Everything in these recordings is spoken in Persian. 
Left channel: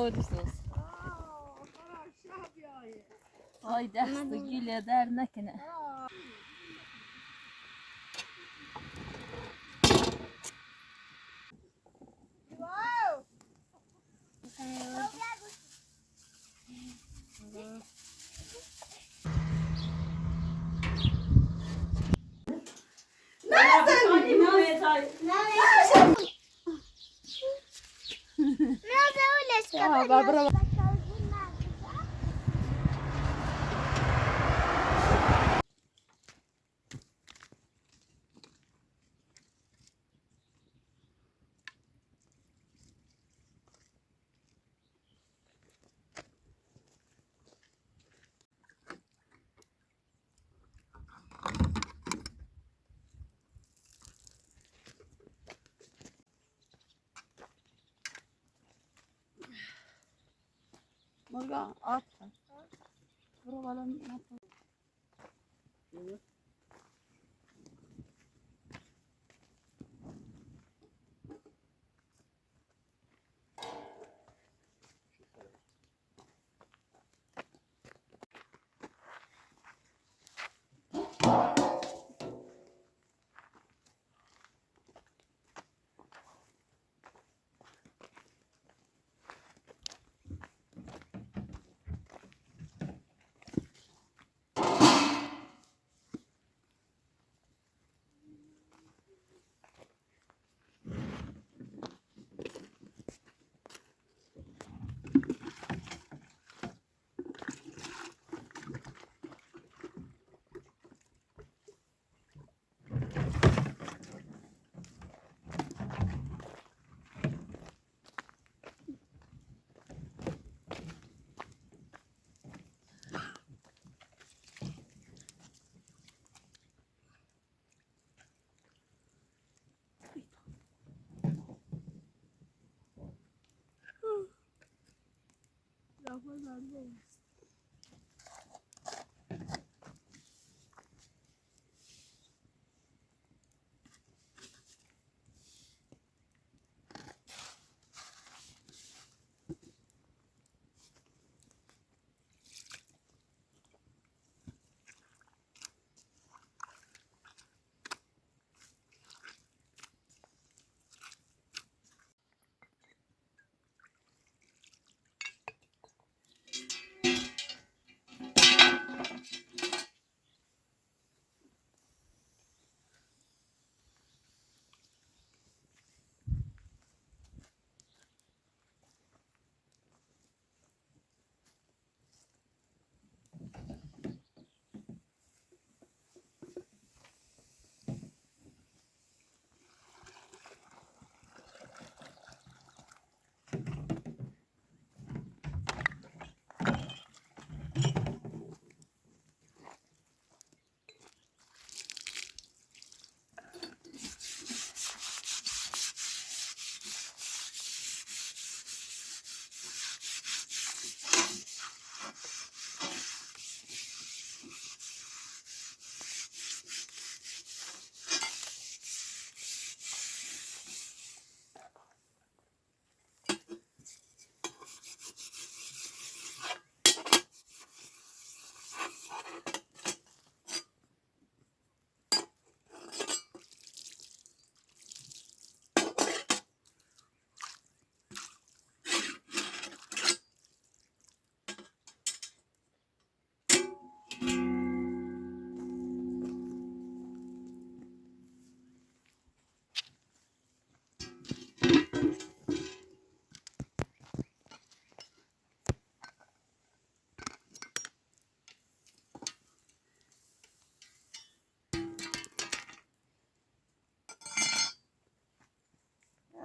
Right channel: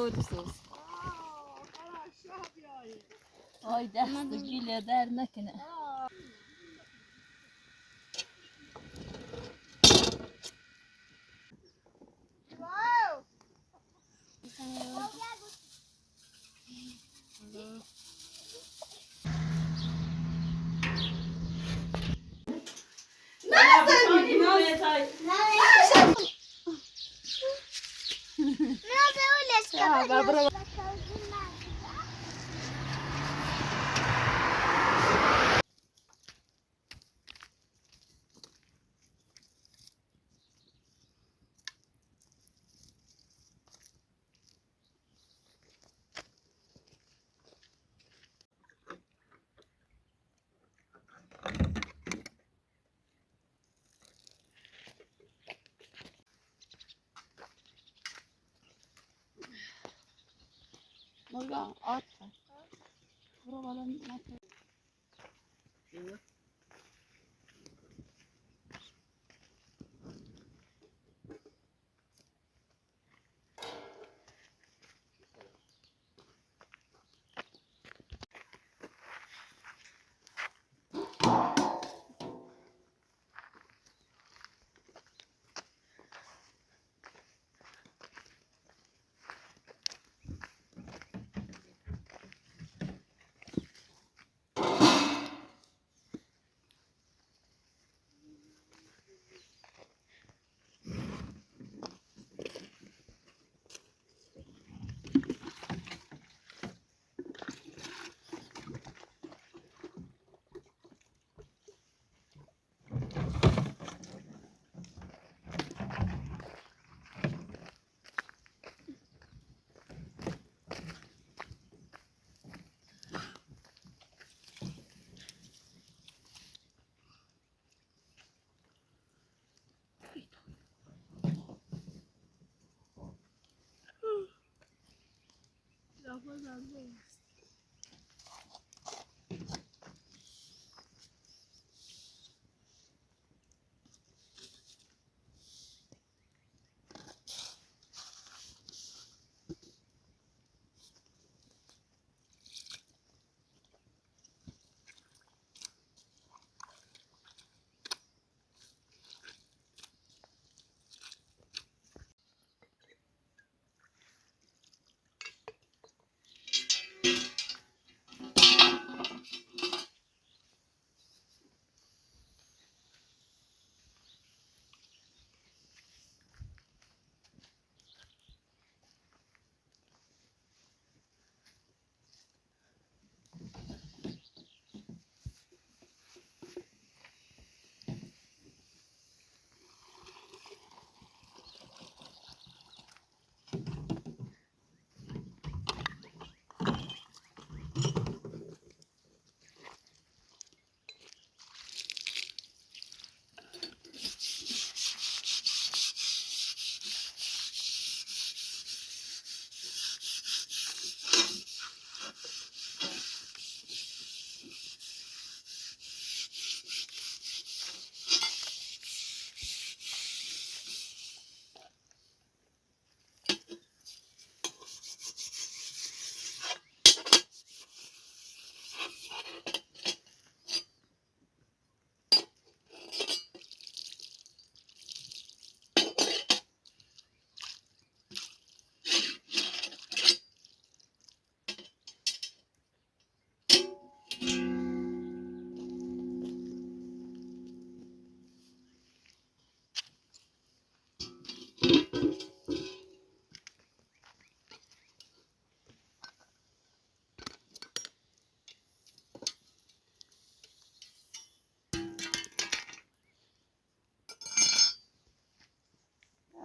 oruçsuz. Ay dəstə gilə dər nəkənə. Morgan at. Buraların nasıl?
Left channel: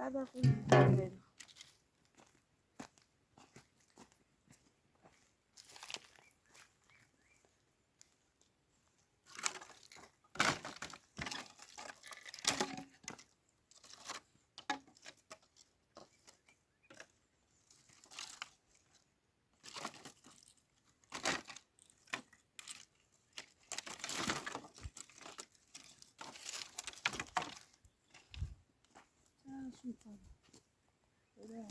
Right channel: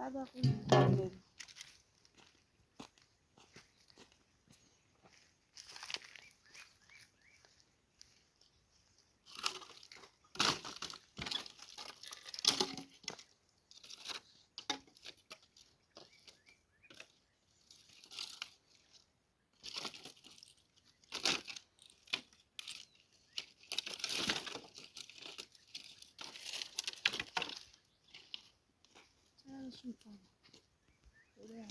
هذا في شو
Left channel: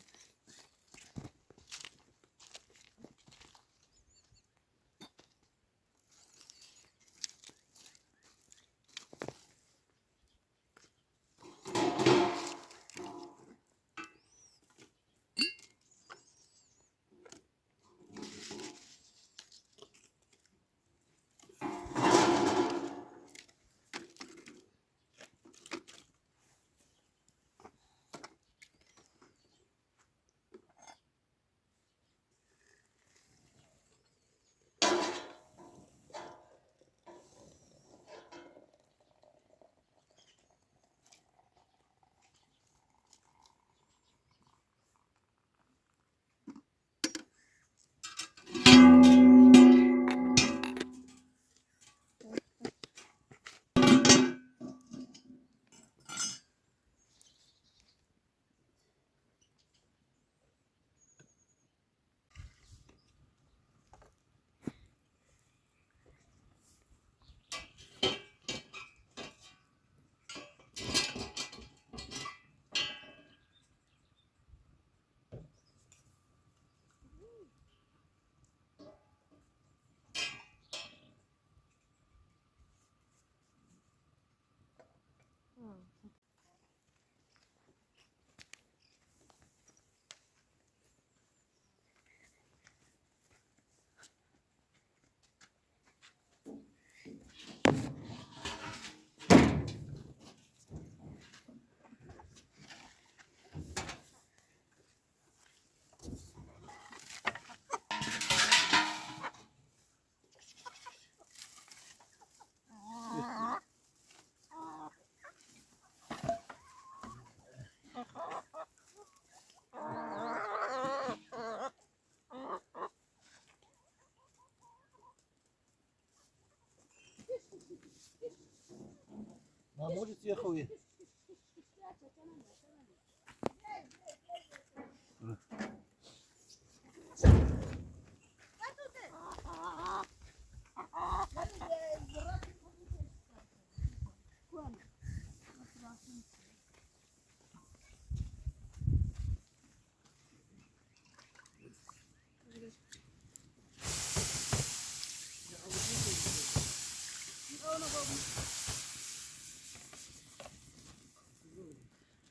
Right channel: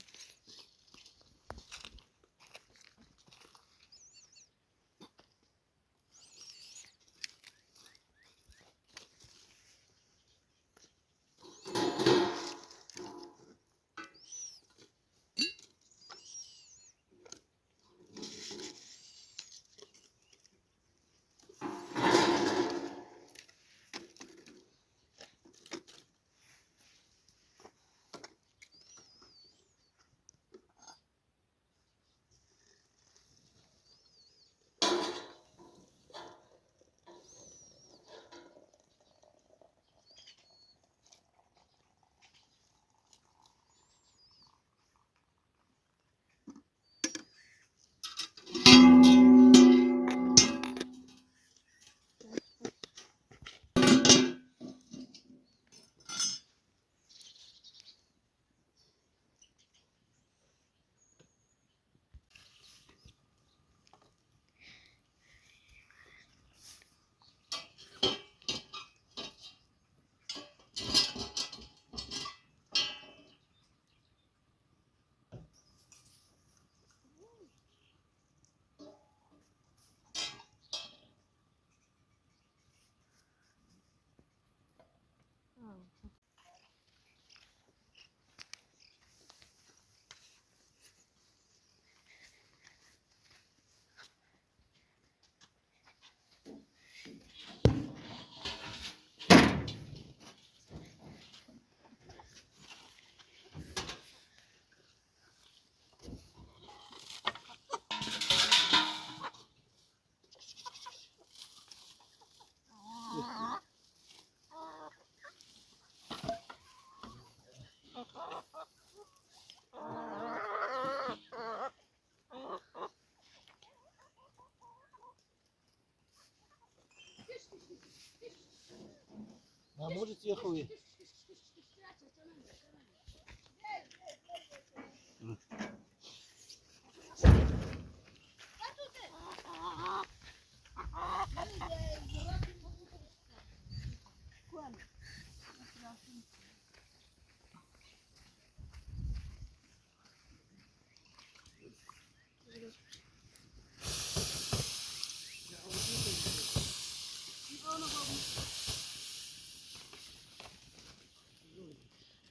Hamur içi koyuyor.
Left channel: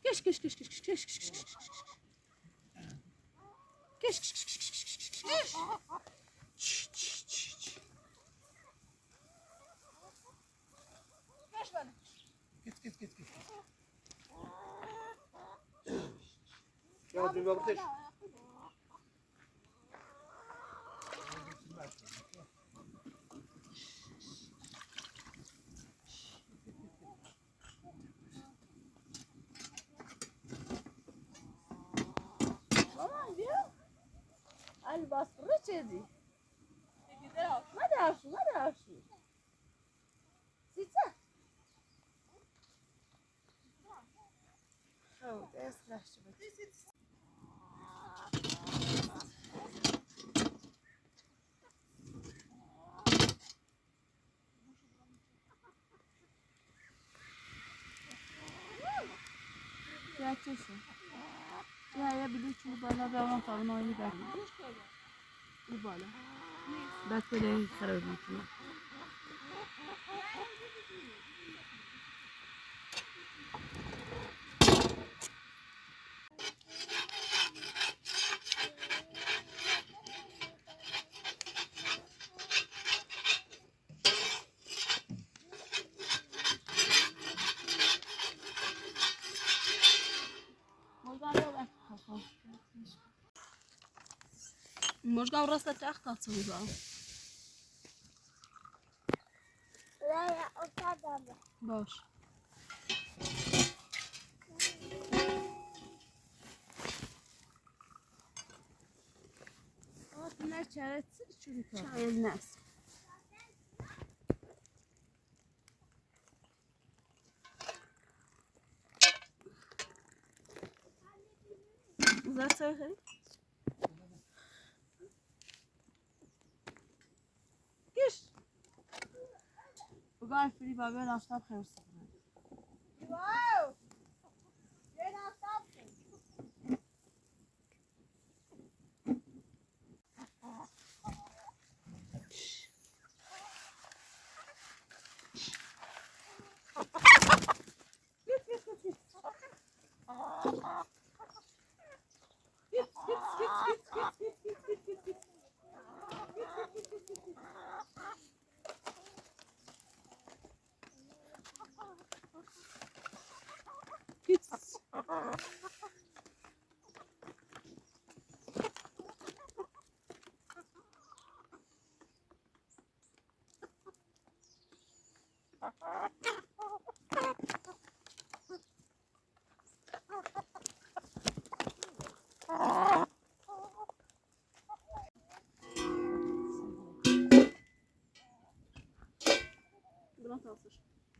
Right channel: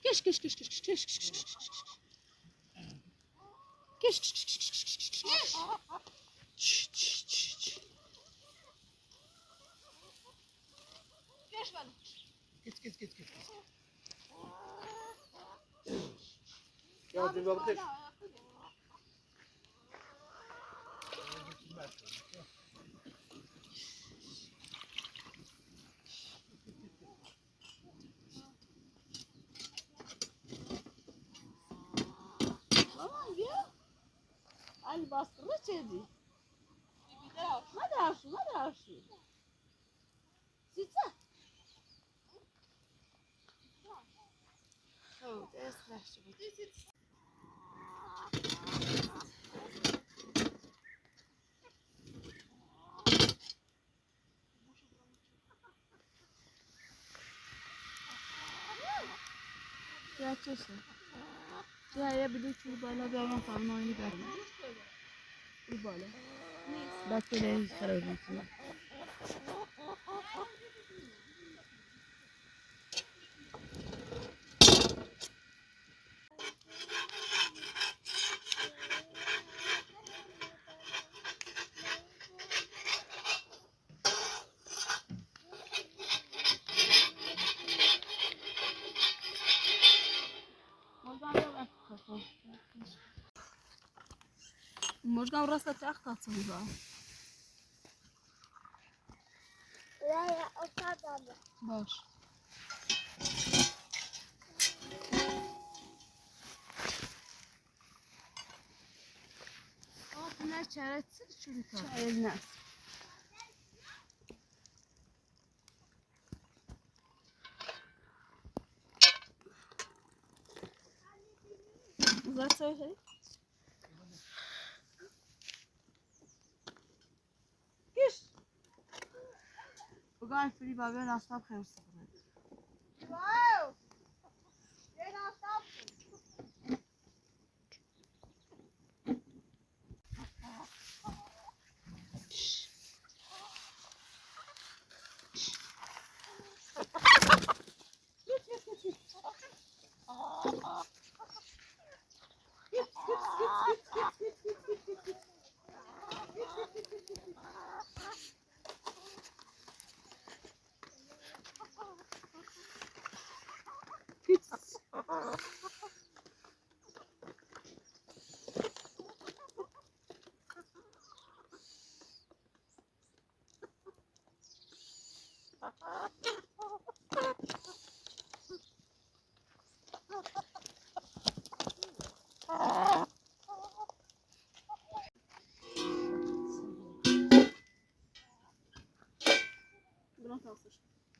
Geç geç geç geç geç geç geç geç geç. Geç geç geç geç geç geç geç. Çş, çş, çş, çş. Geç bana. Git. Ya bir bakış. Aman ya. Ali bastırı çedi. Hadi arşın. Sitsa. Oh, das lässt du. Gerçekten. Ya bir de çubuğla ben falan oyunu verdim. Bu böyle. Batteriyi sarıyorum şuna. Można urosnąć jak ta cuda. Ja opadam. Boş. Bunlar çaretsiz çürük. Çaretsiz. Zaten Gir. Bugün free babe nasıl yapıyorsun?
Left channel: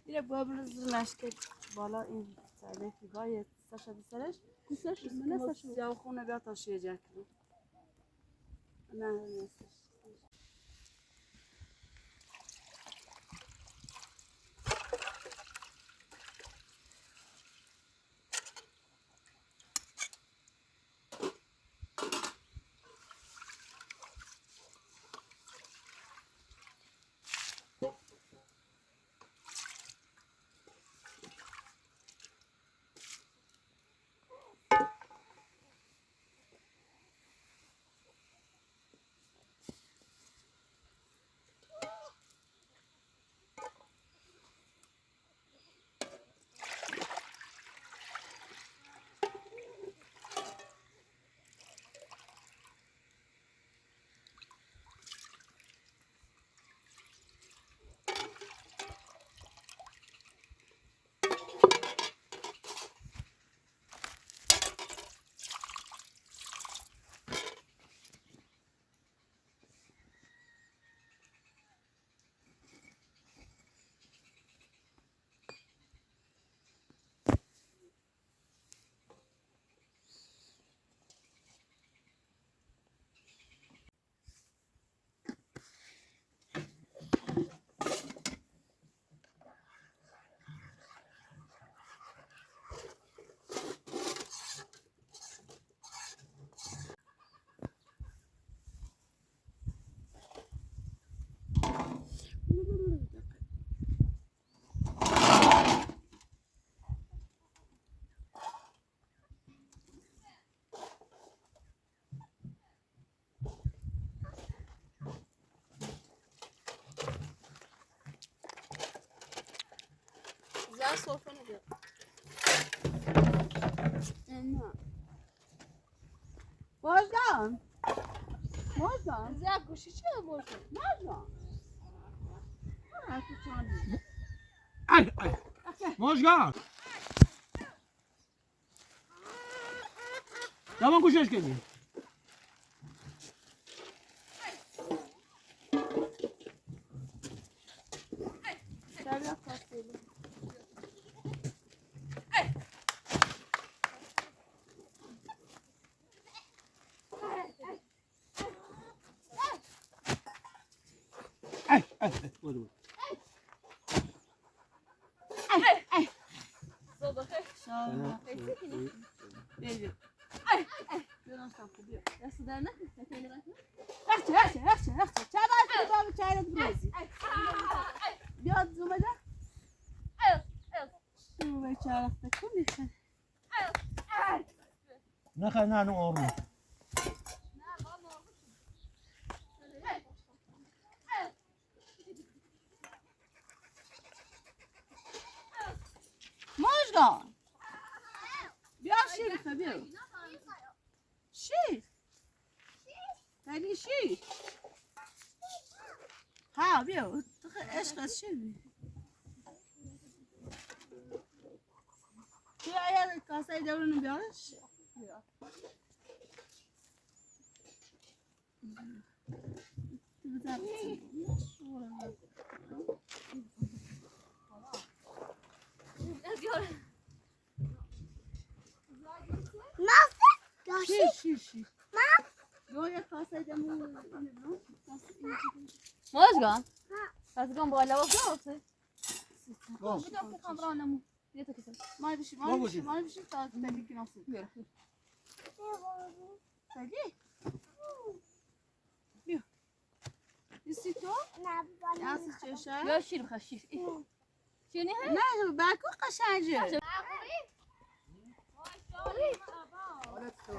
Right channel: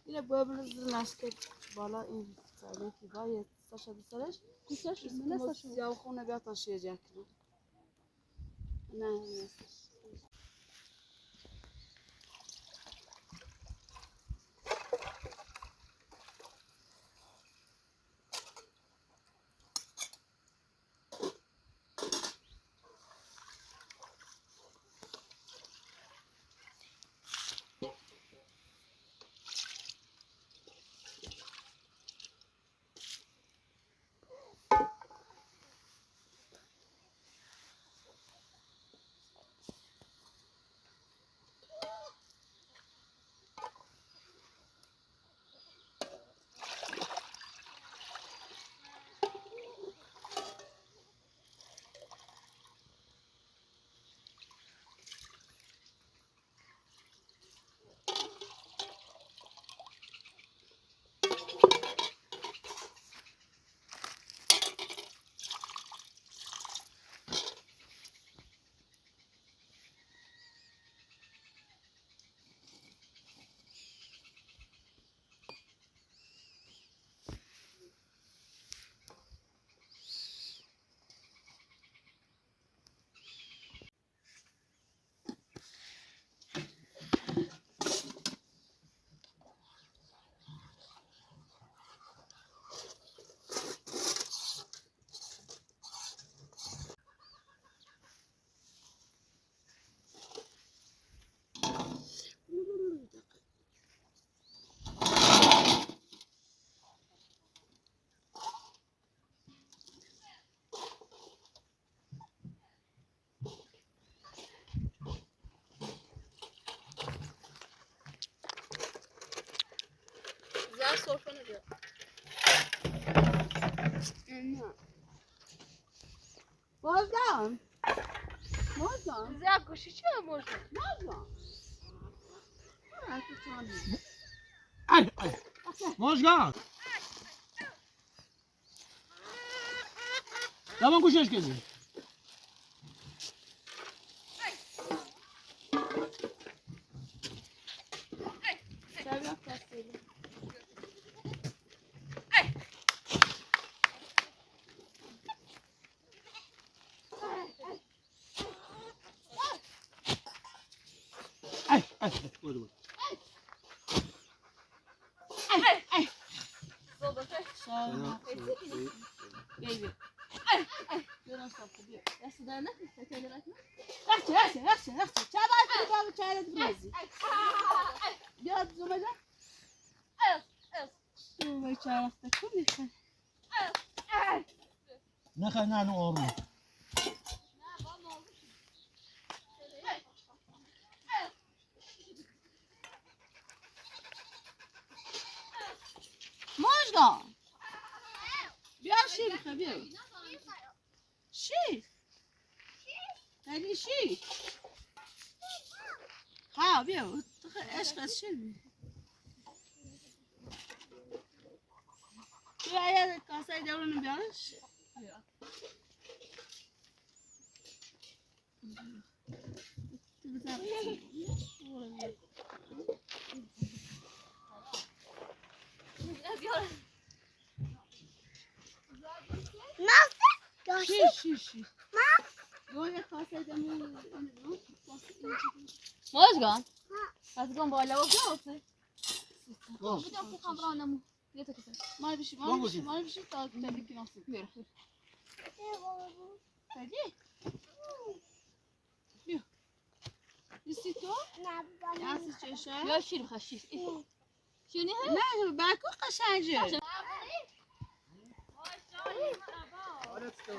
Yine böbürüzün lastik bala in ki gayet saça biserek. Kısaş mı? Ne Ne saçı? saçı? Ya okuna bir taşıyacak. Ne neyse. باید سرفه نبید نه بازدم زیاد گوشی چه مرسه Ay, ay. Mozgar. Tamam kuş hoş geldin. شبیه فصلی Ay, ay. Buyur buyur. شبیه بیبی بیرون صافو بیو دست در نکن تکیلی نکن رخچه چه باید کنی بابا چایرت بریزی بیاد زومه جا زومه چه رفته کنی خن Ne kadar ne orman. ماجگان بیا شیر بخه بیا شیر دلی شیر ها بیا عشق از شیر بیا بیا یه کاسه درونو بیارش Nasıl? شیر یا یه کاسه درونو مازگان مازگان بالا و بیاوته Gol. بدم تو خمرانمو بیا تو کسر مال بشی تا تلی که ناسید بیار تلی بیا نیستی تو؟ یاسی چشه؟ یا شیر بخواه شیر شیر نیه؟ نه بکو قشنجه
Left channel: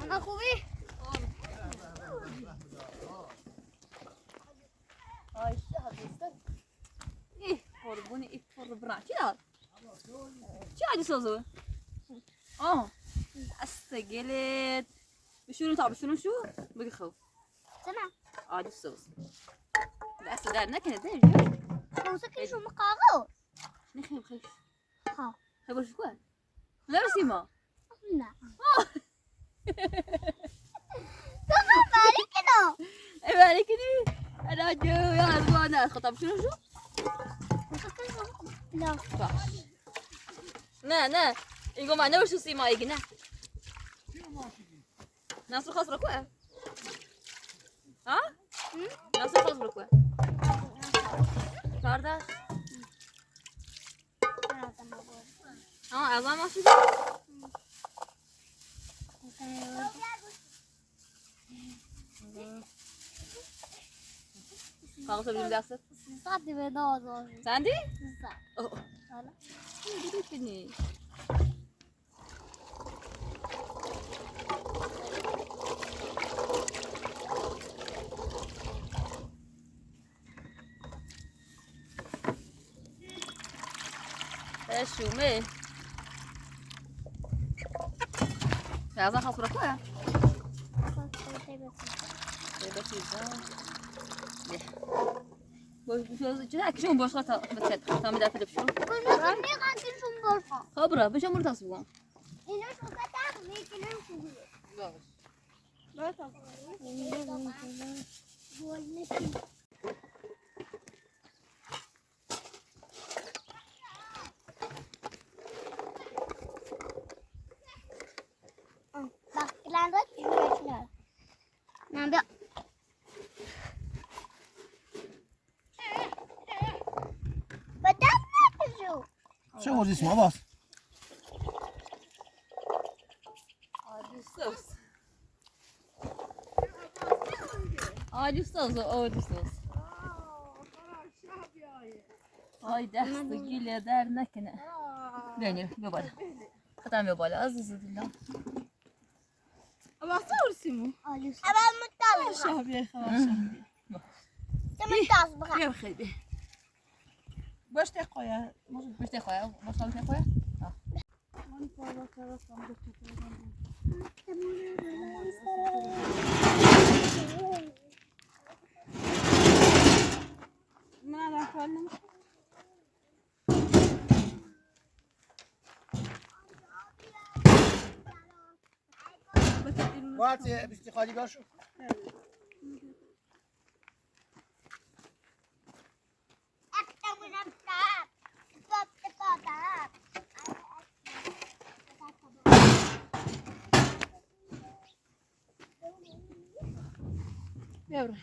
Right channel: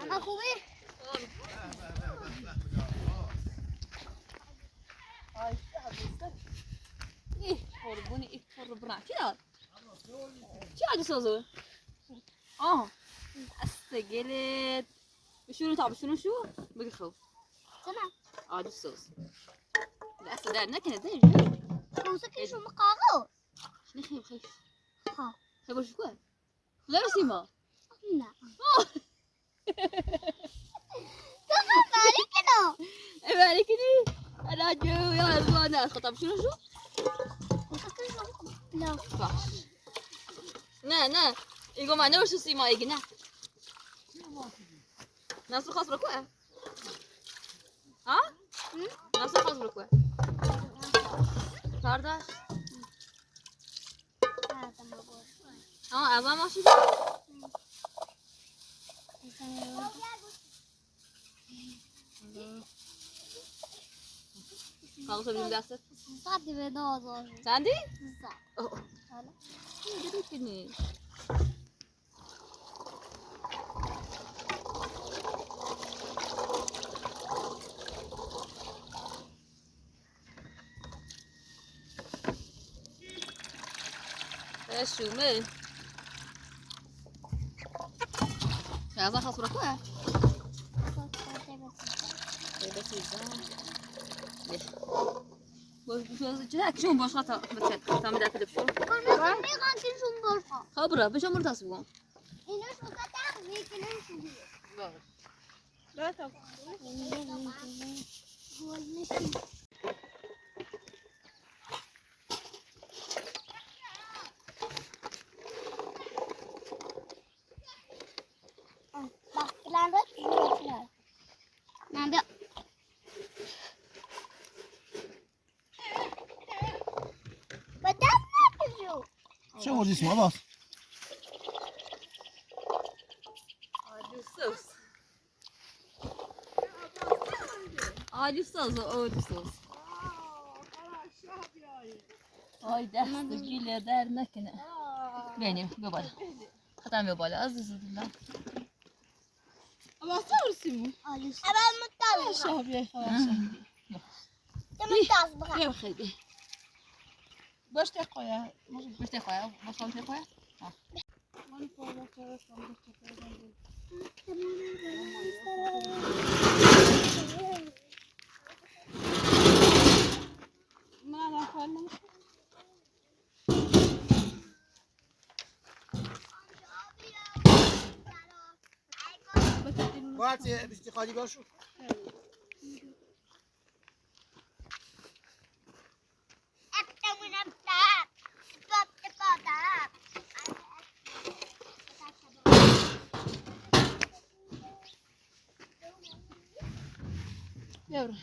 Ana خوبی؟ قربوني اتفر برا كي دار شو عادي سوزو استقلت بشنو تعب شو بقي خوف تمام. عادي سوز لا صدر نكنه ده موسيقى شو مقاغو؟ نخيب خيش ها. خيب وش كوه لا سيما نعم. تمام مالك كده. ايه مالك دي انا جو يا زوانا خطب شنو موسيقى شو؟ لا. باش نه يقوم معنا وش سيما يقنا ناس خاص ركوه ها ناس خاص ركوه فرداش هذا ما بقول. اعظم ماشي خلاص بدي داسة صعب بدازو. ساندي صعب. اوه هلا. بديتني ايش يومي يا زلمه خلاص ركوه بس شو باش خاطر بتسد تعمل ده في شو كنا كنا شو مبرقة. خبره باش امر تصبوا إنه شو كتاب ويكنا شو هي. لا تفهم هو المثل. Bak plan bak. Nambah. Betul tak tu? Sen o cisma bas. عادي صوص عادي صوص هاي دست گیله در نکنه بینیم بیا بالا ختم بیا بالا عزیز دلم اما تورسیمو أنا متابع. شابیه خواسته متابع. بیا خیلی باش تقویا باش تخواه باش تخواه parmak çarasam da çakarım. Mana falan. باید بیستی خالی باشو Yavrum.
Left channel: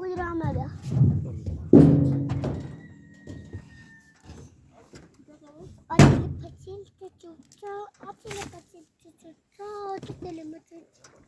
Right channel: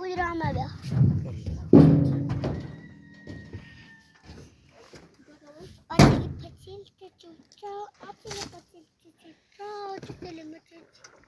Uyurama be. Anne patilde tuttu. Abla patilde tuttu. Tutelimi tuttu.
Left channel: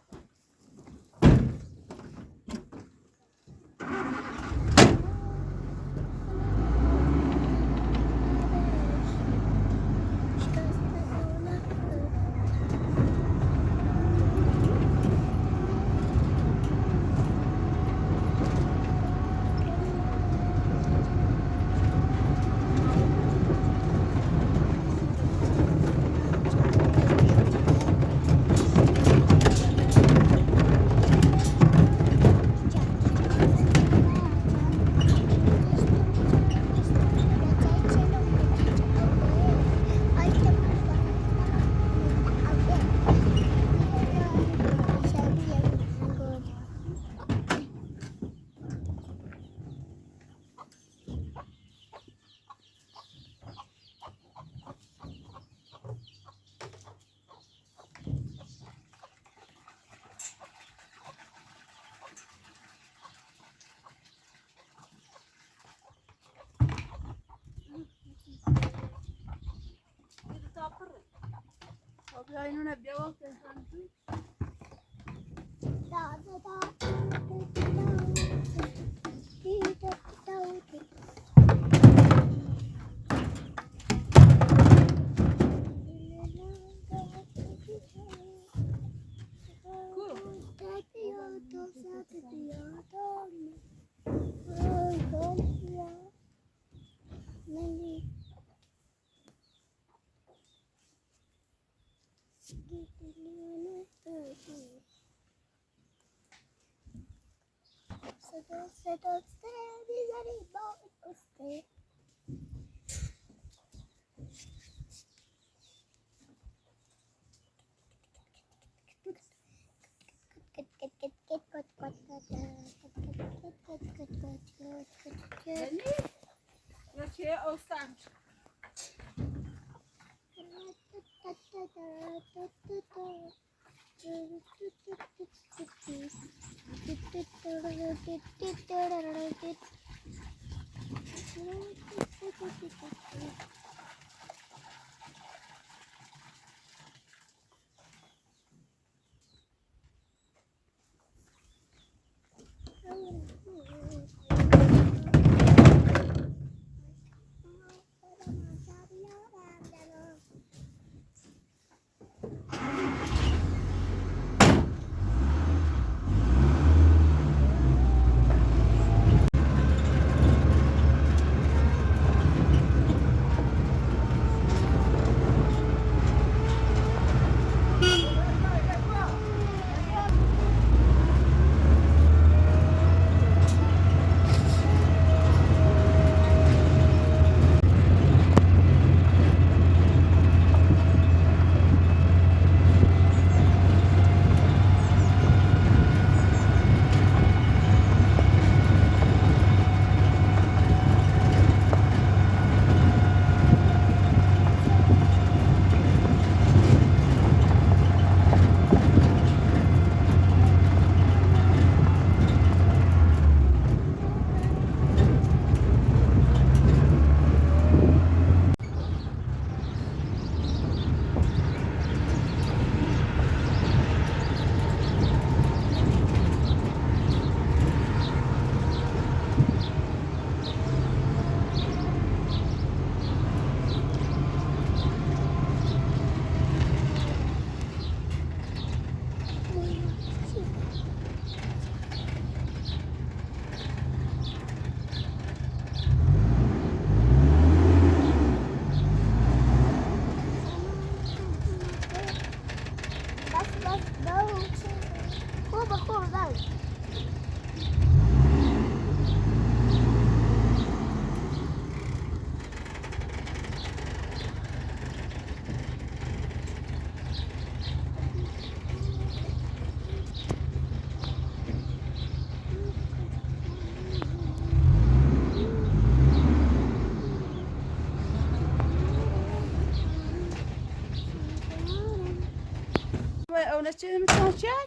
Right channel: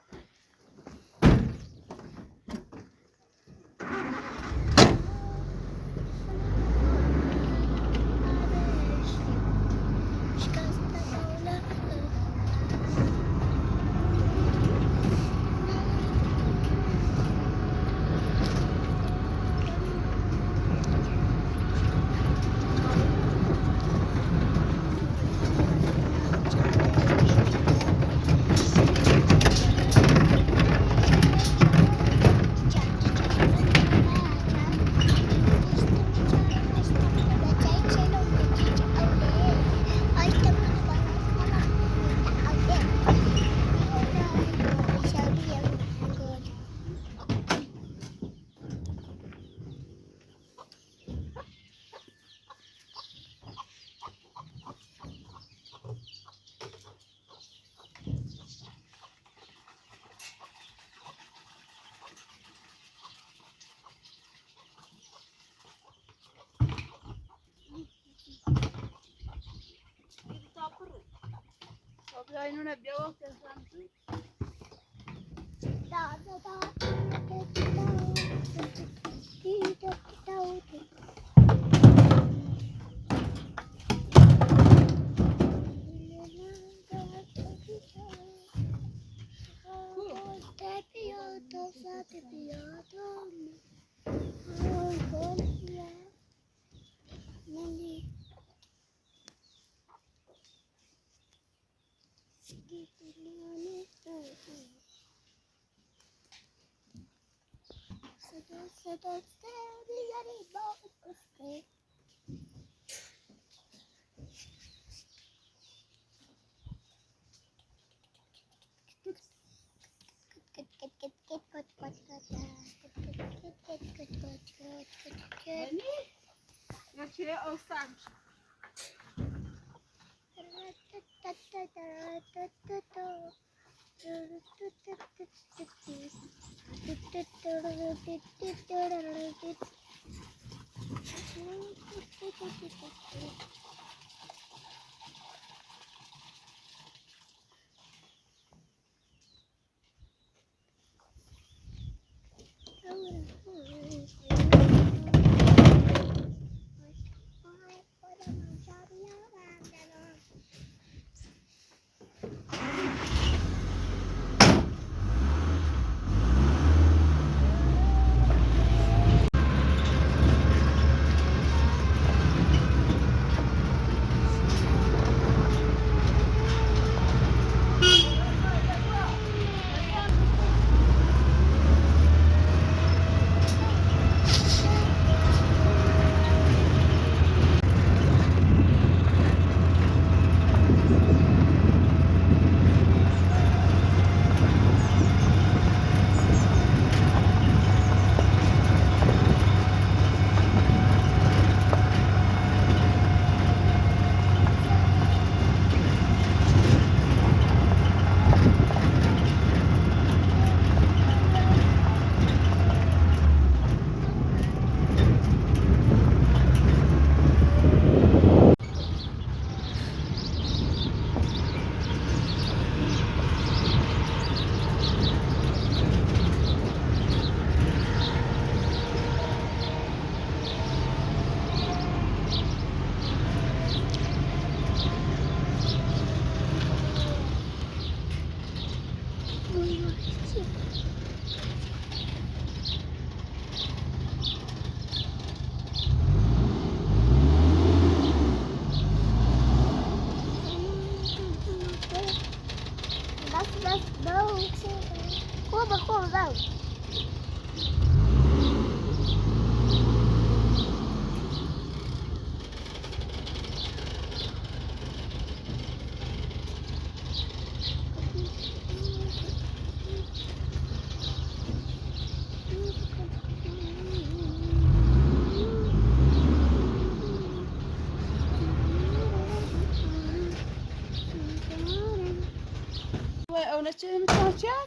اون چه میتونم چیار؟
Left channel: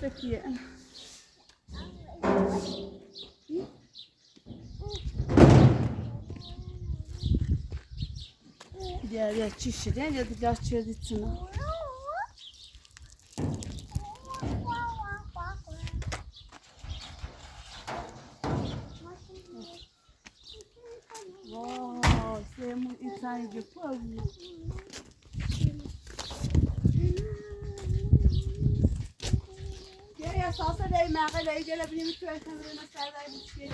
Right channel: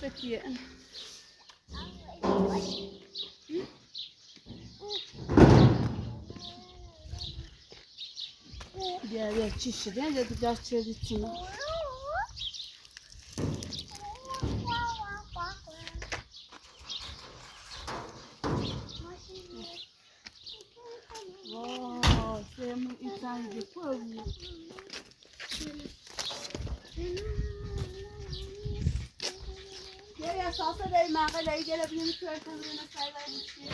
Peki. Ya çişi de ya da biraz çözütsün. Wow, semu insan yapıyor. Ya salsa da mağala icela bile mi tutar tanrına saylar bir şey.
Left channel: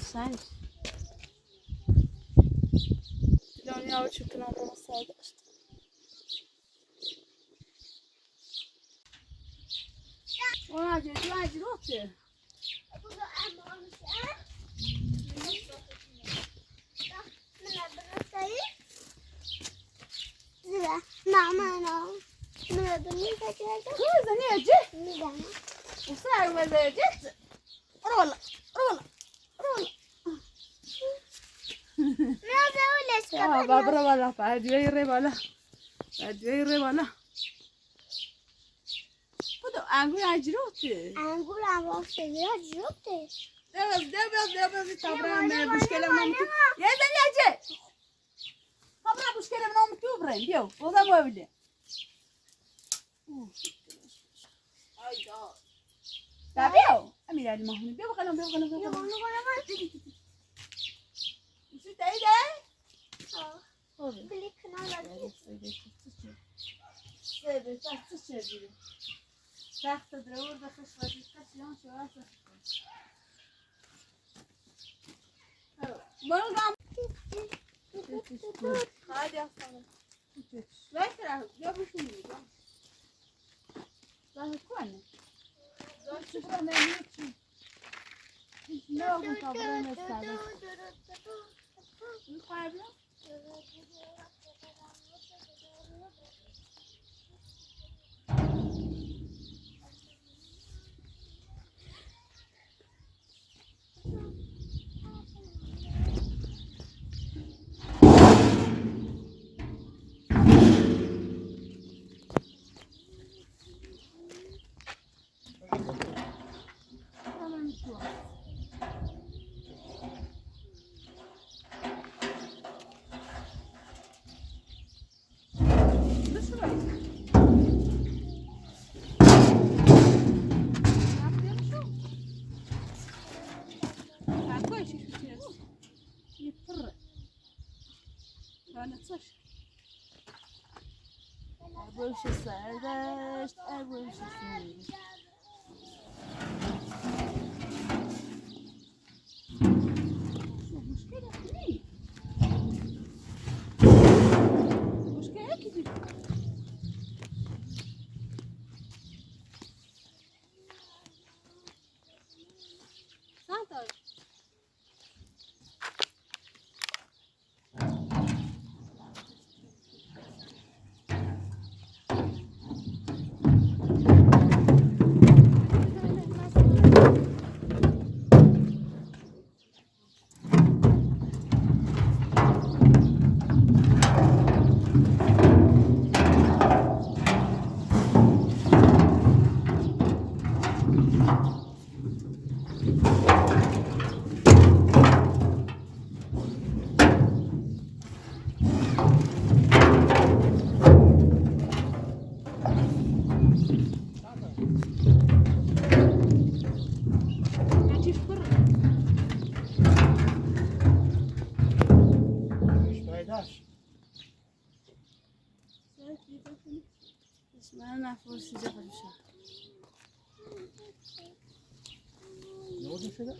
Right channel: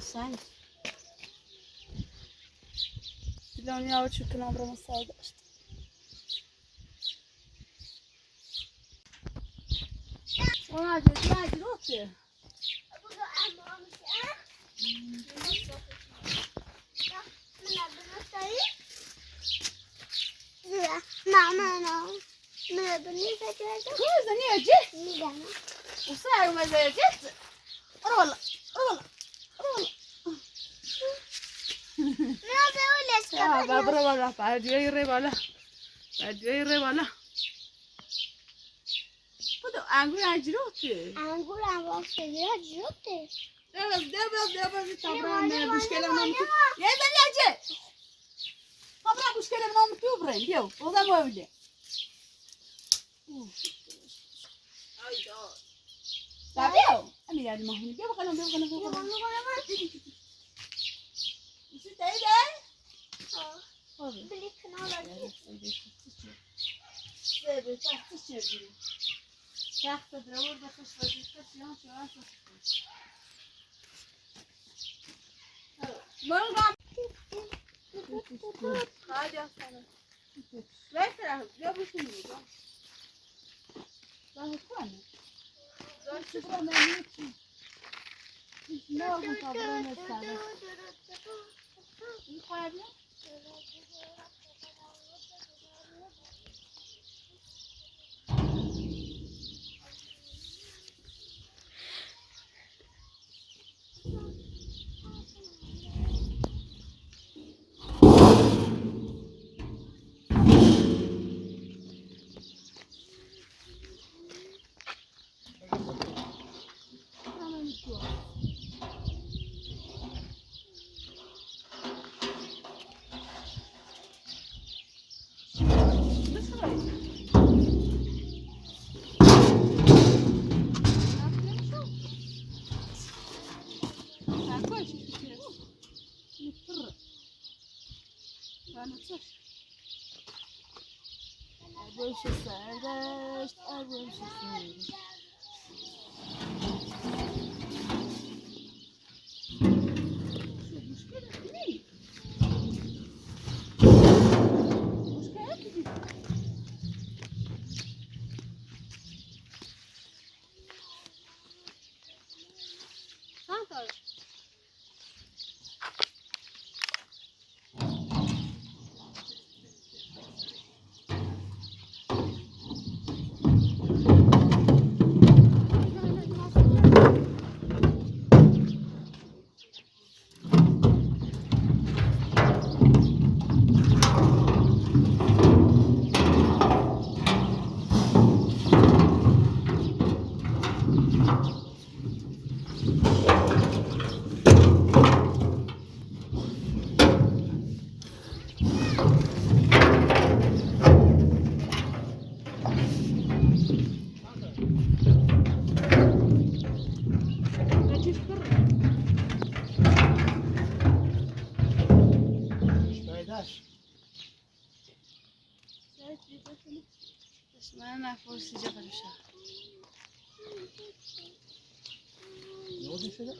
Sen. Dilon ya uçukun abrama saydı işte. Ona acil otur. Mama, Coisa, né, Jê? O céu vai ver, Jê? Rola, rola, rola. Ah, va para bala, para ir rebala. Para ir rebala. Kudu, angul acilo ki. Angul ama seviyor acıyordu. Deve, tabra me busquele não muito. E aí, Daniel Jê? Tabra busquele não muito, Brem, viu? Vou dar uma olhada. Tá viu? A mirar de marrom, viu? Não, Você tem ideia? Bilik kanallar Sebe, tahtı çeviri. Tahtıdır, orada kış vaziyette siyan şöyle Volgam. Hadi aslanım. Ver tarafı, ya bu şimdi. Daha koyma. Şu buranın ne için? Ne oldu tabuğun esnada? Bunu koyabilir misin? Больше сардаш, а больше сырыш. اسمها فرصة جبل الشهر. oldu şöyle?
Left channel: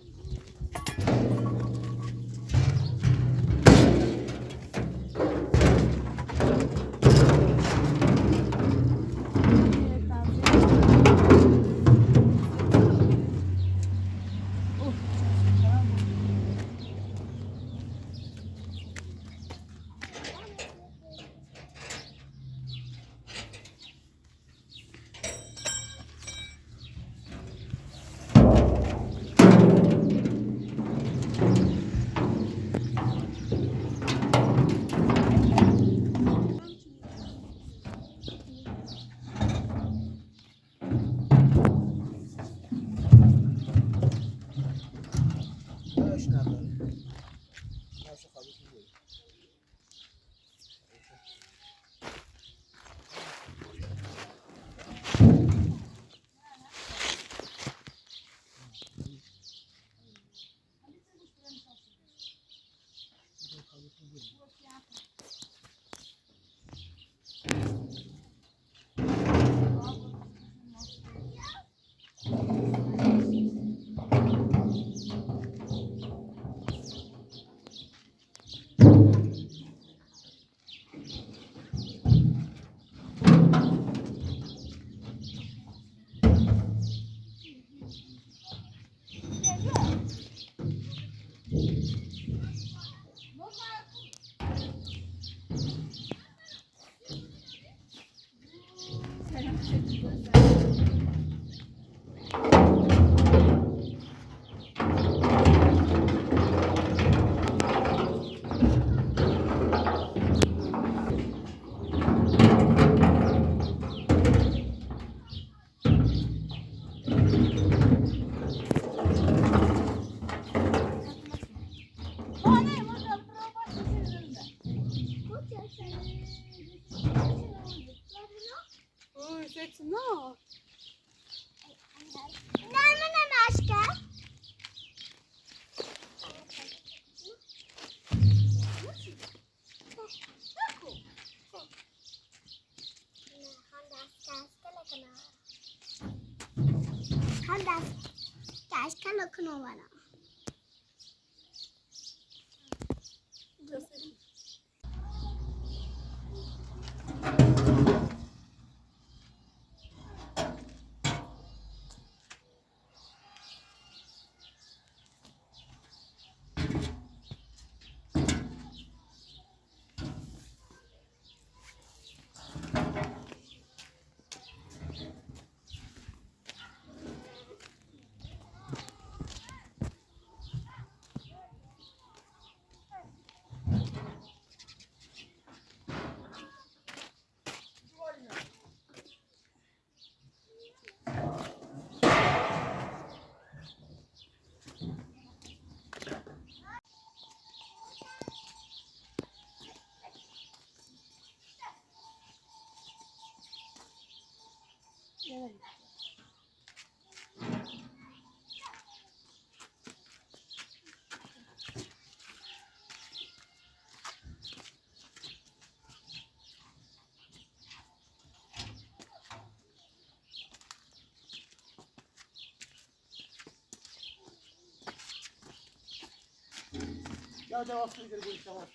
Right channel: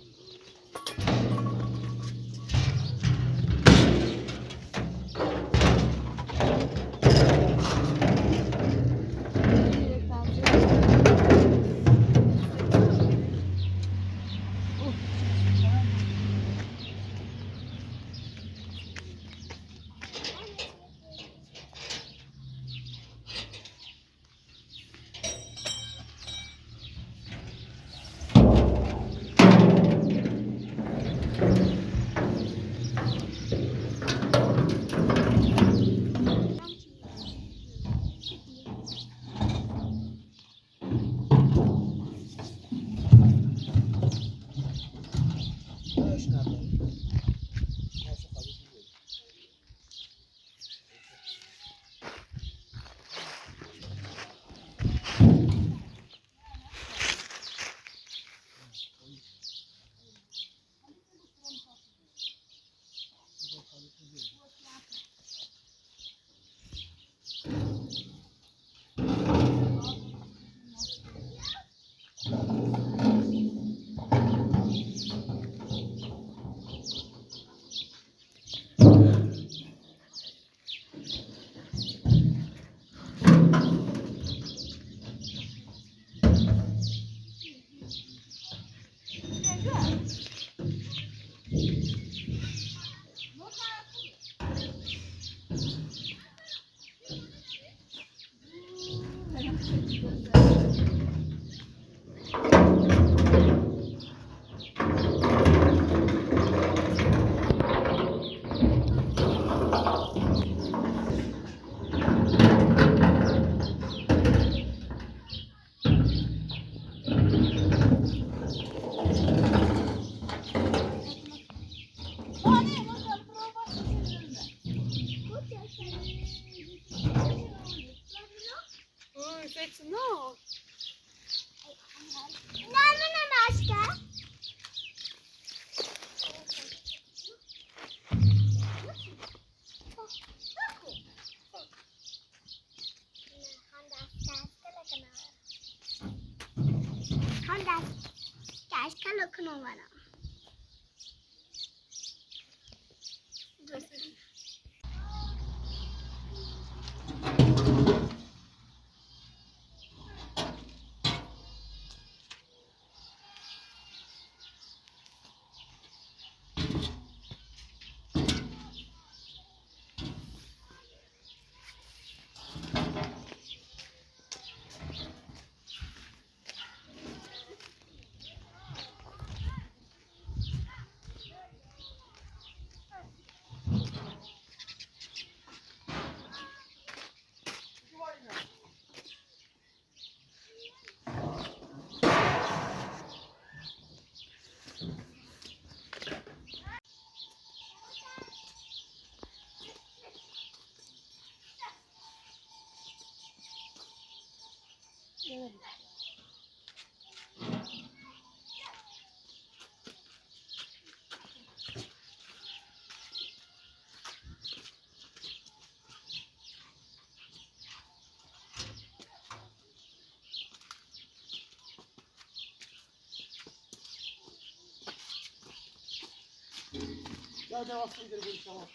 Ya devası gider bu işe bak.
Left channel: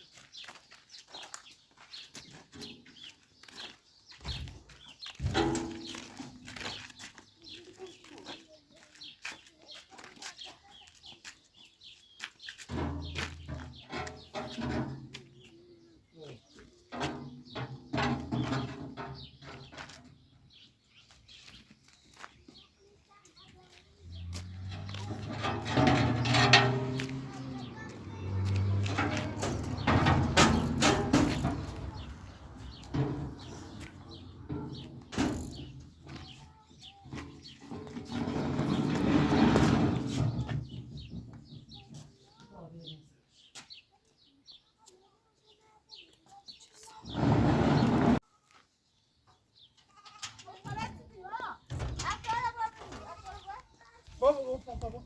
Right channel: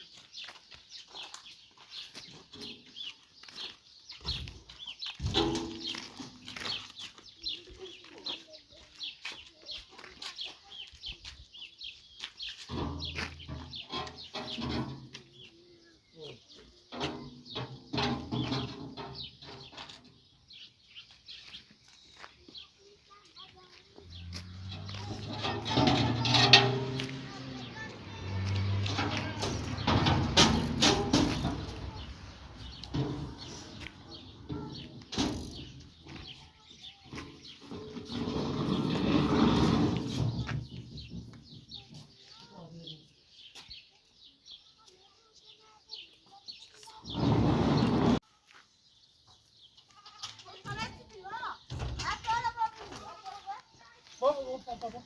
Baba.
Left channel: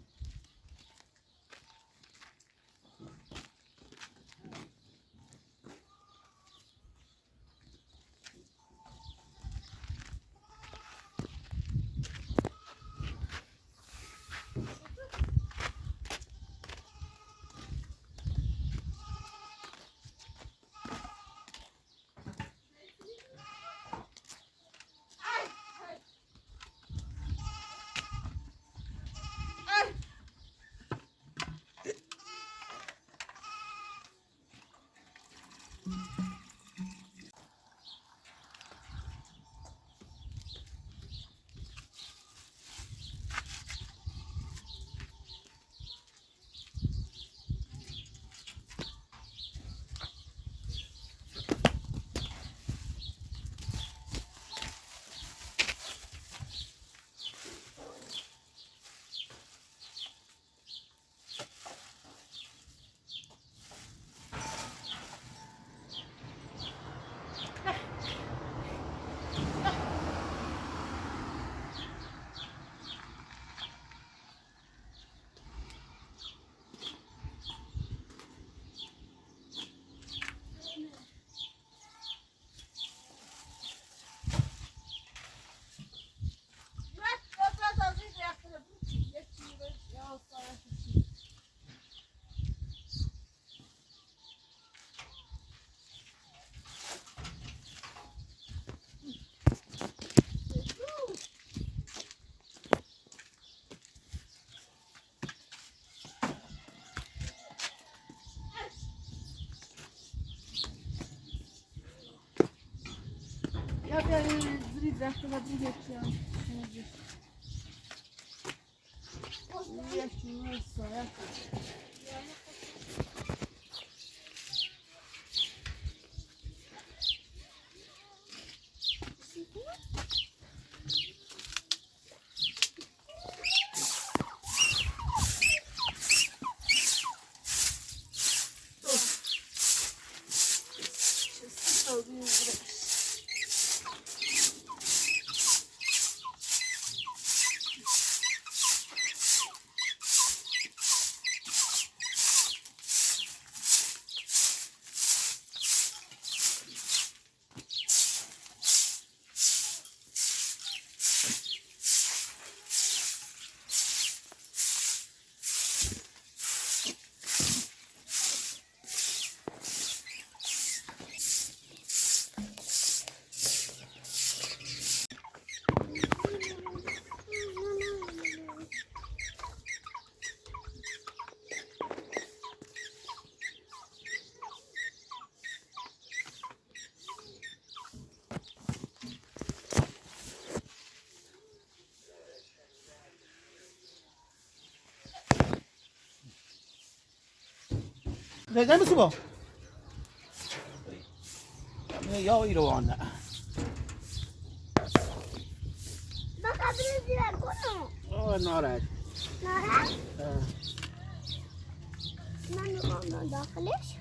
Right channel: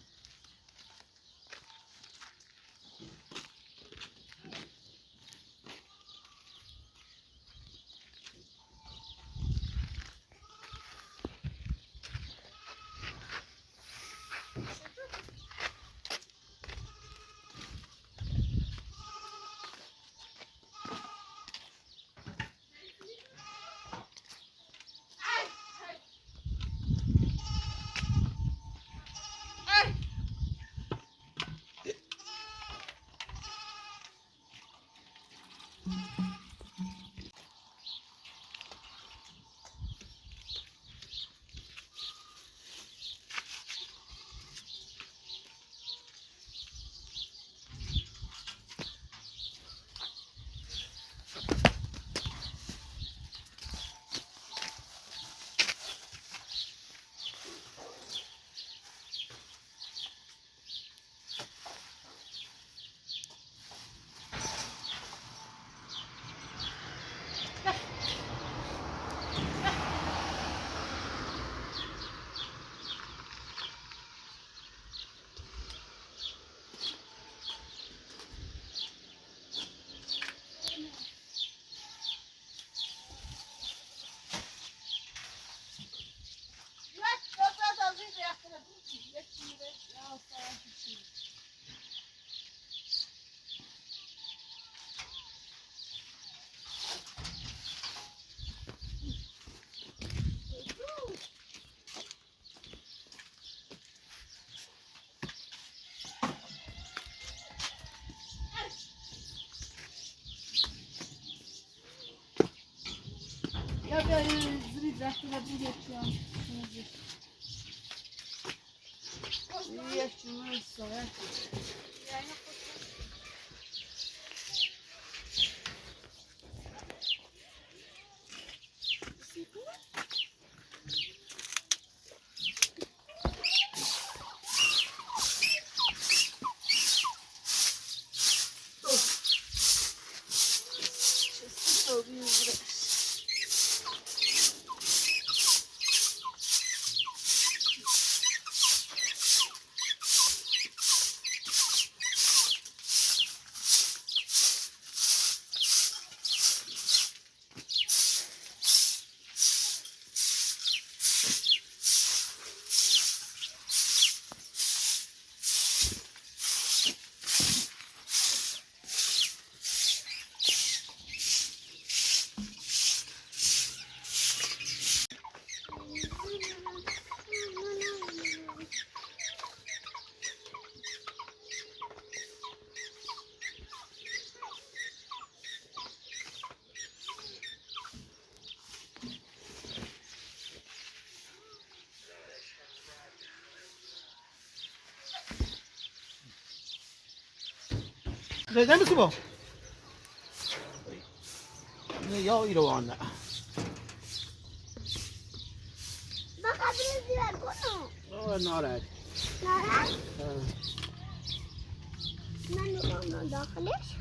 Ya da zürü rastına bir geçiyorum. Yaşını sorar. Neden misin bu? Ya yürü o anda. Bakabiliriz diye bunu. Oh, narat. Nara. Ben onu dağılır.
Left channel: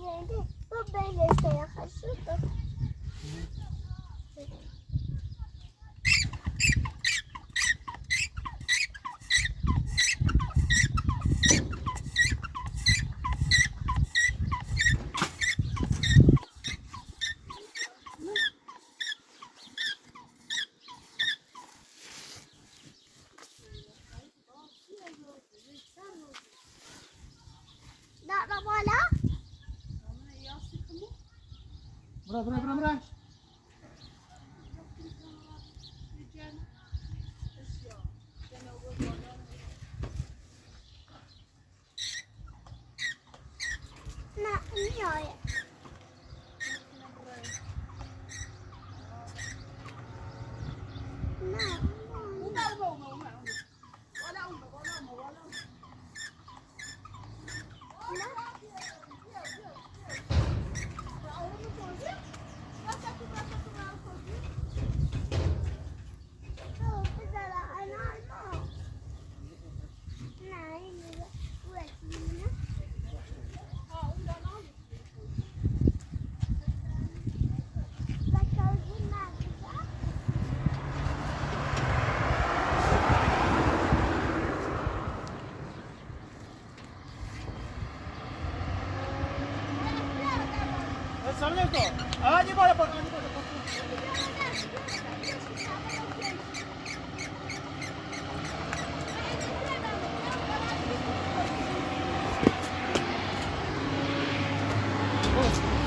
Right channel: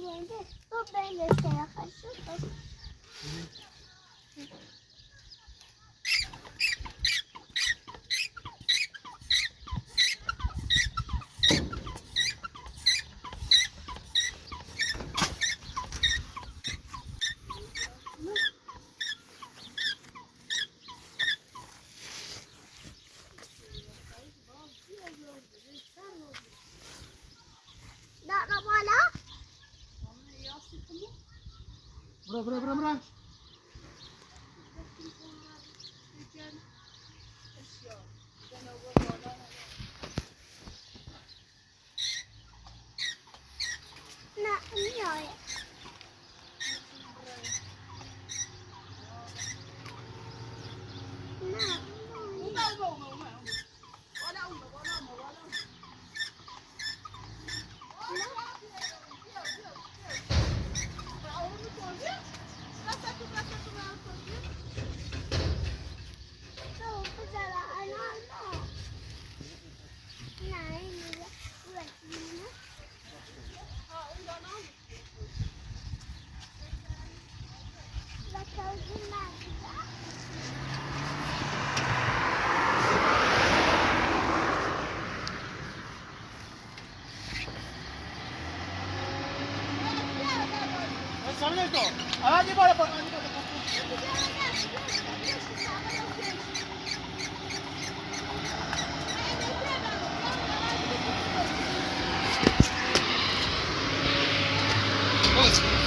geldi. Bu böyle şey yaklaşıyor. Nak bola? Bura. Nak ni ya. Nak. Tahu pasal anak. Nah ini buat ini. Bakal gimana? सामने तो आगे बढ़ो Pronto.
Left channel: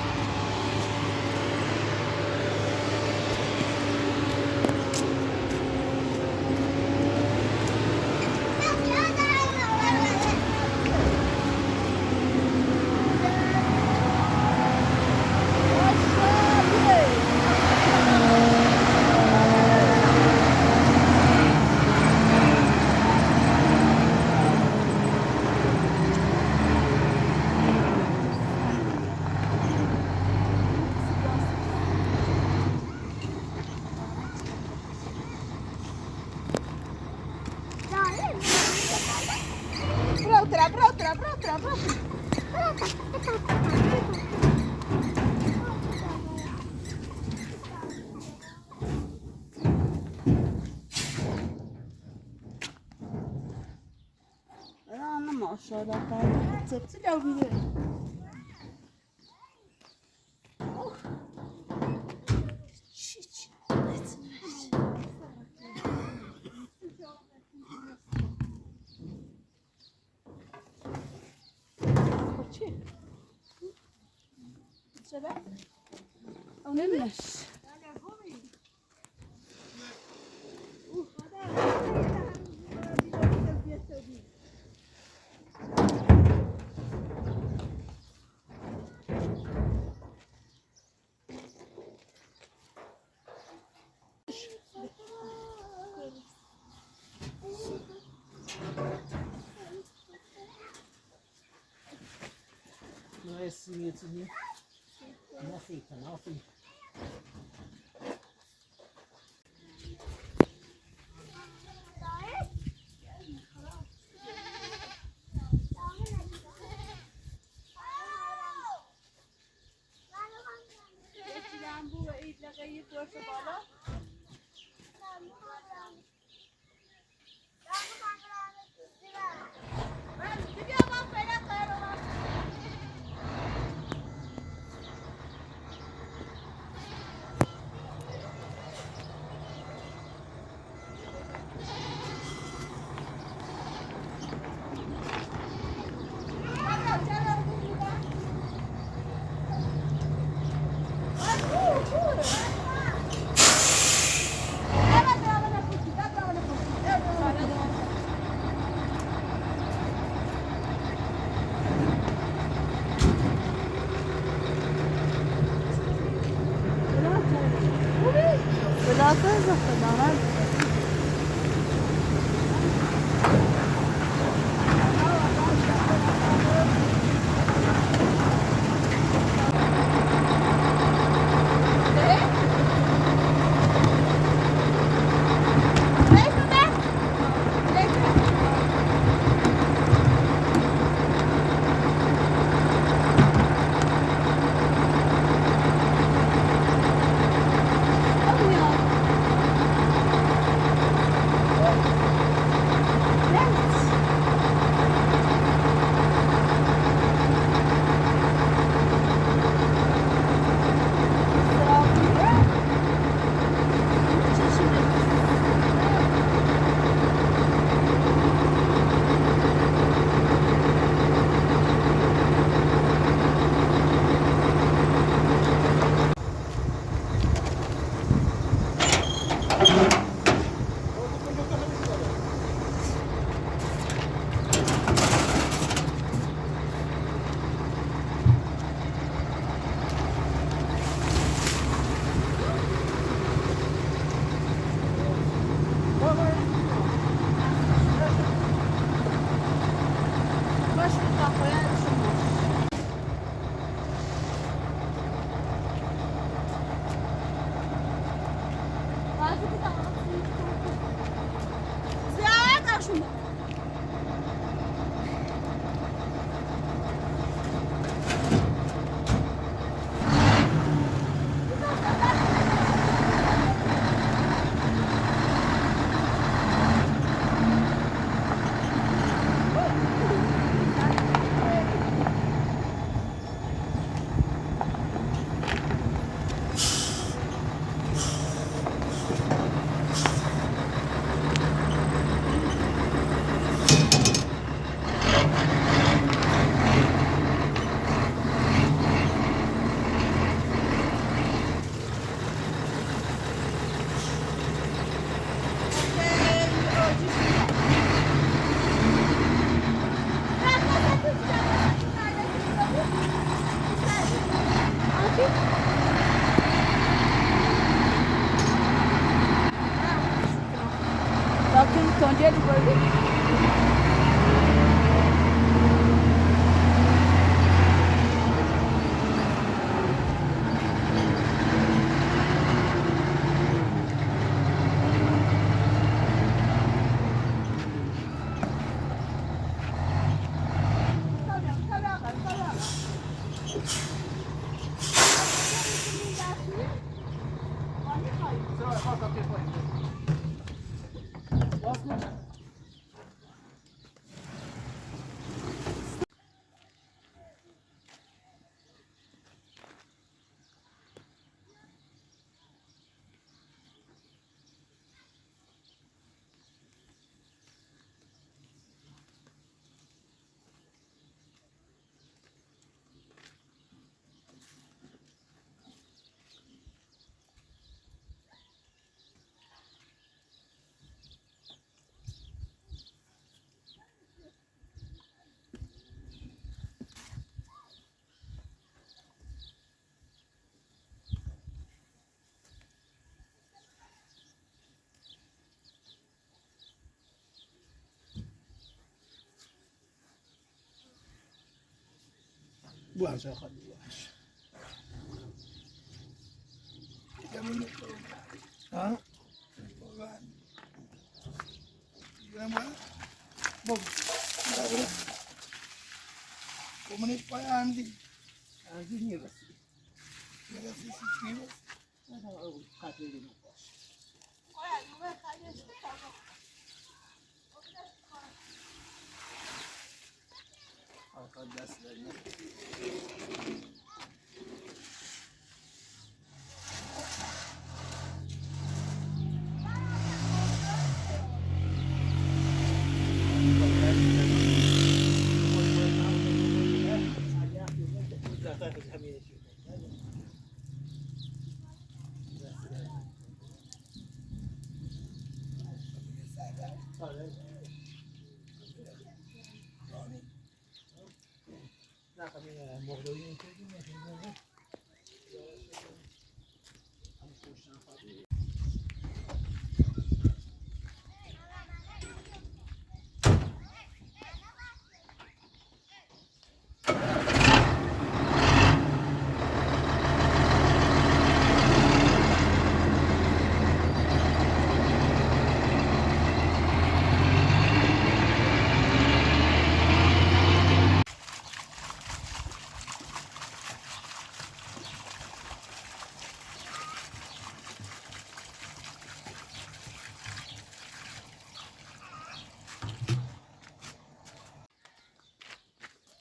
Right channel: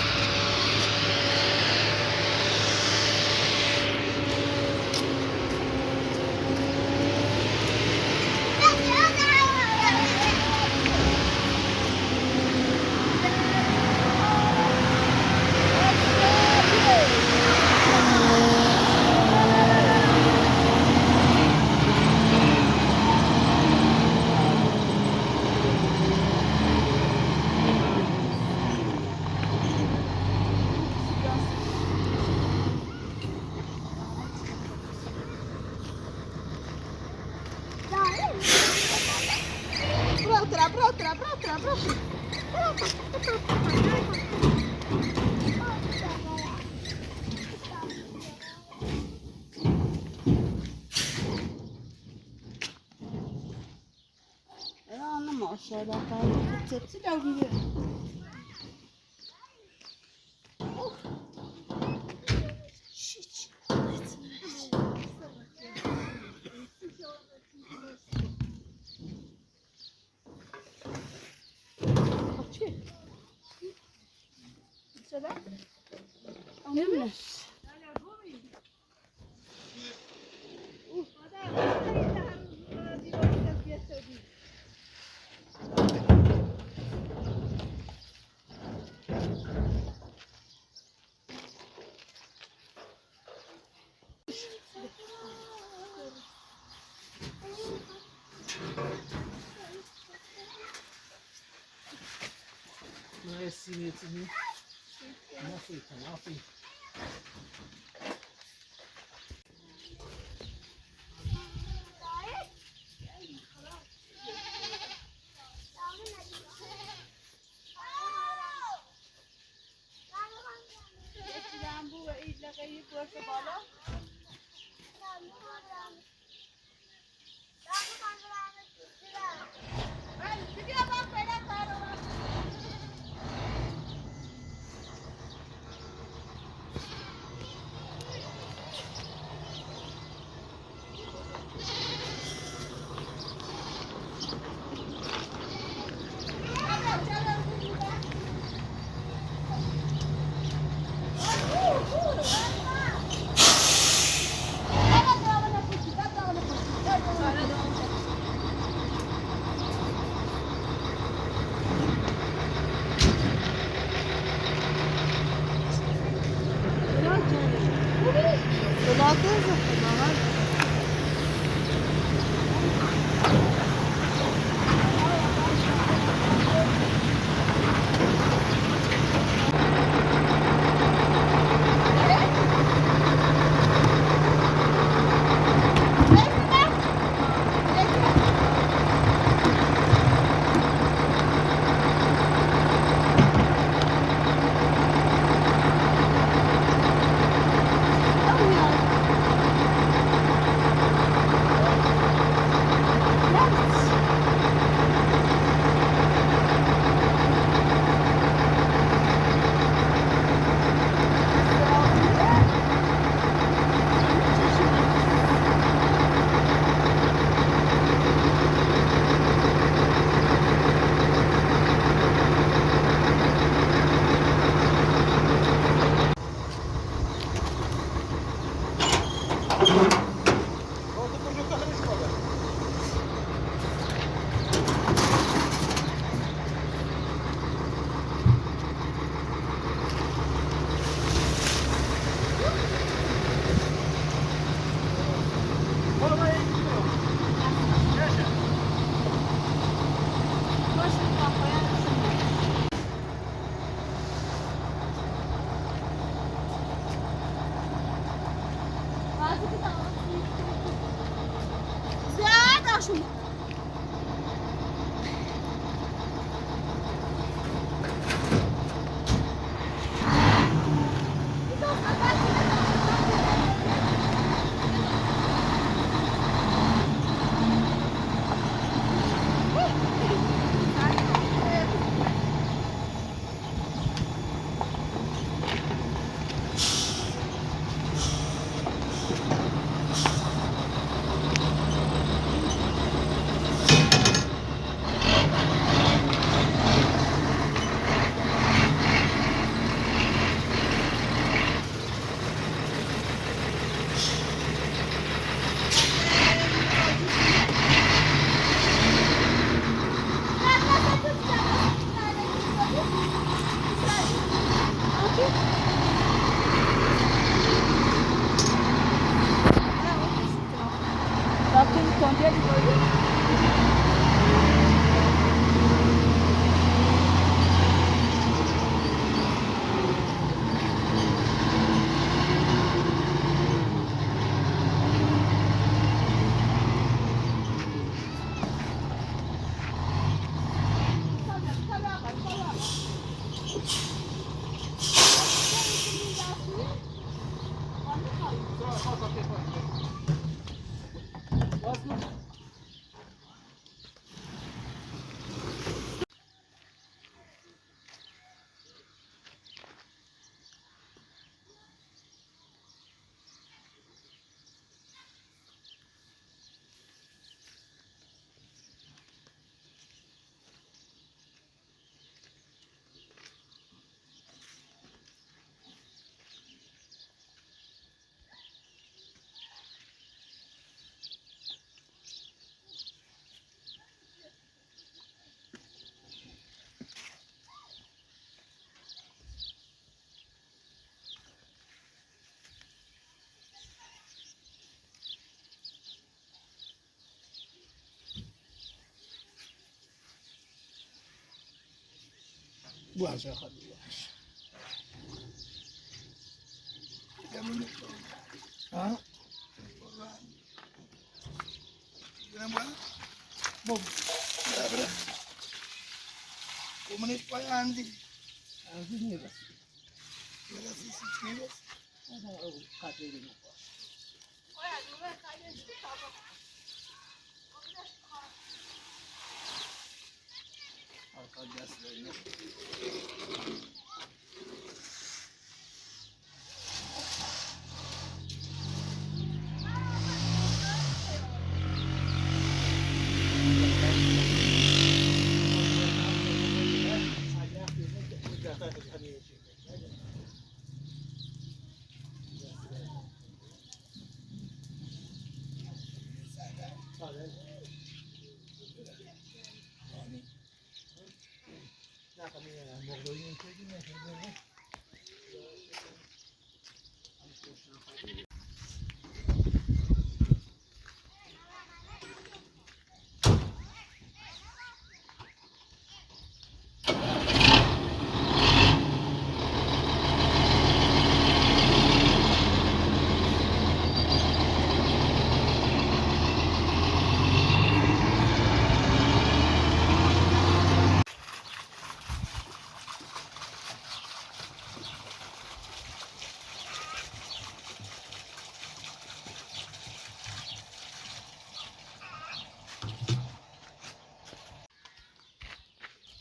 أنا ما شاء الله قاعد تبتلع وبيه. سينيتني ما في شما Bakın kontrol böyle. Só o tempo aí. Posso? باش يا خالد باش ها بوم ومن يبقى عندي نيرس هذا هو قاتل لي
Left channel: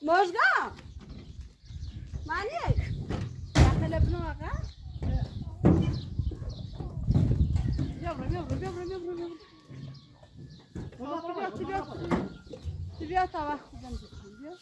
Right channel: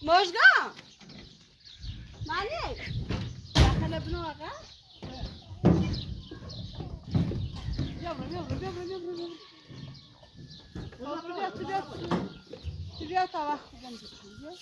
مشگاه مالک داخل ابن آقا بیا تا وقت خوبم بیا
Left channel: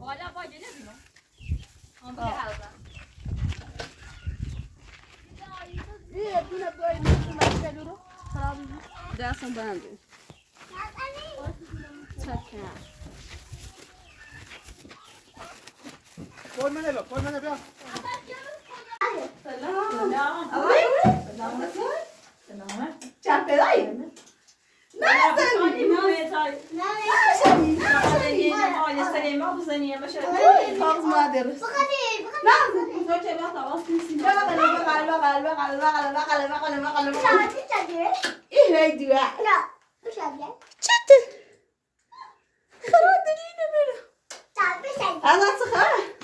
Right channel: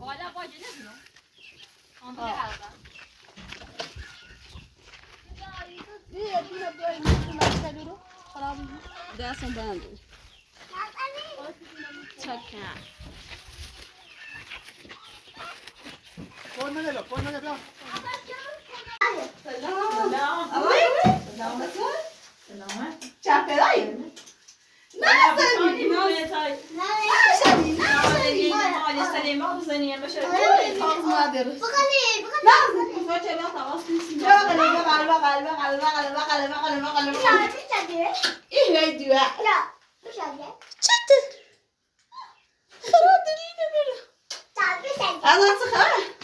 بالا باجه نمیدونم بیا بیایم مسئله رو خراب دستم بنده چکه کن منه بیا سلام سلامت چند پدایی؟ نه زنی تاز مادر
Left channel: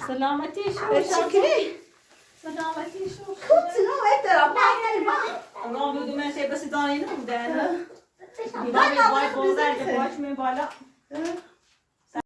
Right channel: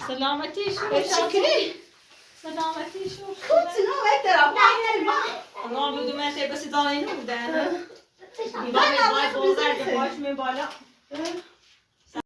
سلامتی شو سلامتی شو الله بودو من تی بسی دانه اینو بوده اینا باید بازرد باش می بالا